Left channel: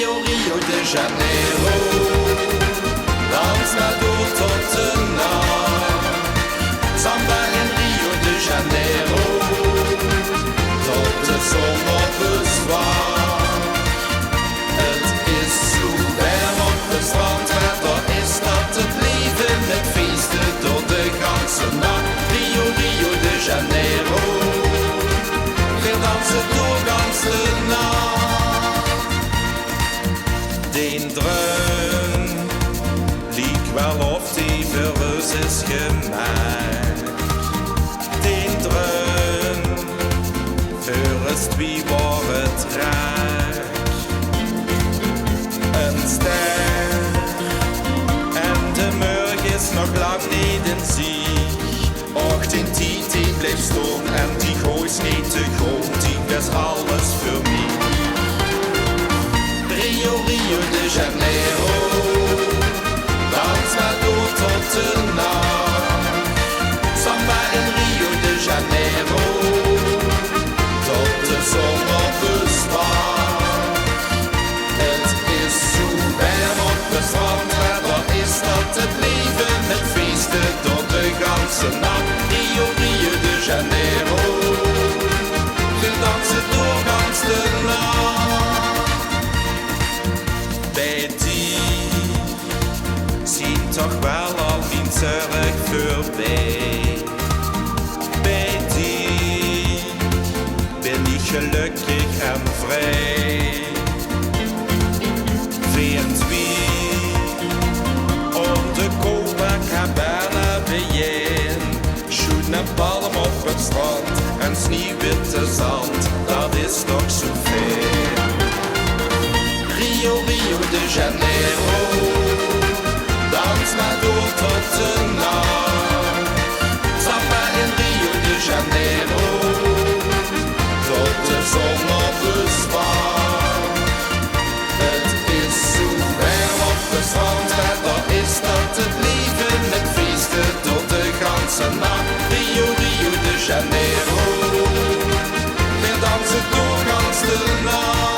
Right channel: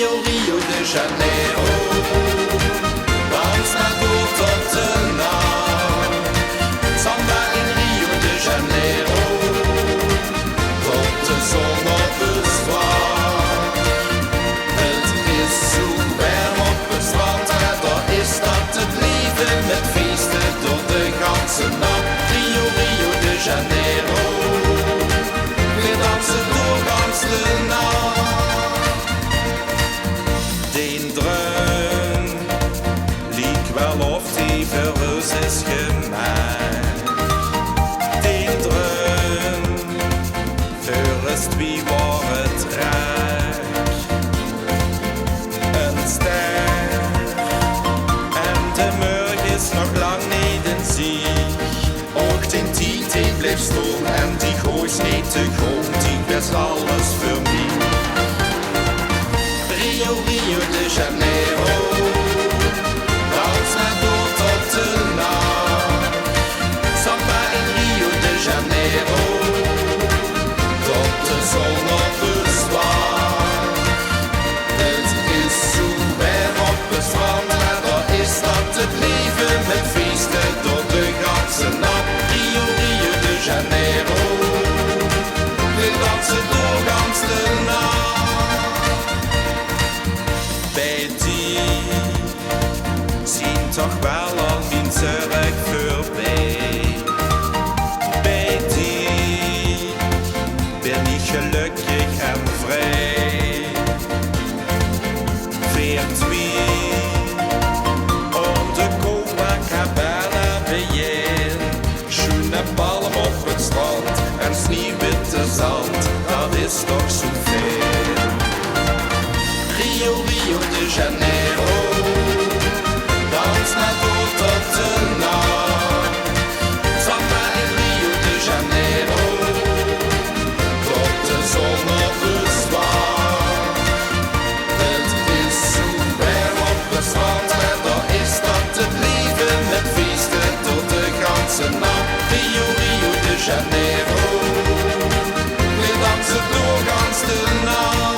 Rio, Rio de Janeiro. Dans maar door tot de nacht. Samba in Rio de Janeiro. Tot de zon op het zwart. Het is zo warm op het strand, maar daar is dat het leven met feesten door de ganse nacht. Rio, Rio de Janeiro. We dansen door gans de nacht. Den dreun liek wel of die verrus is gemaakt. Den dreun verrust wie waar het raakt. Een ster en de morgen is nog lang niet in zich. Och, den tijd die blijft staan en die gooit niet te grond, die was alles voor mij. Rio, Rio de Janeiro, dans maar door tot de nacht. Samba in Rio de Janeiro, tot de zon op het zwart. Het is zo warm op het strand, maar daar is dat het leven met feesten door de ganse nacht. Rio, Rio de Janeiro, we dansen door gans de nacht. Bij die zien toch wel al mijn zorg voorbij. Bij die ben ik gelukkig en vrij. Veert wie om de Copacabana bijeen. Schoene palm op het strand en sneeuwwitte zand, dat is toch zoveel. Rio, Rio de Janeiro, dans maar door tot de nacht. Samba in Rio de Janeiro, tot de zon op het zwart. Het is zo warm op het strand, maar daar is dat het leven met feesten tot de ganse nacht. Rio, Rio de Janeiro, we dansen door gans de nacht.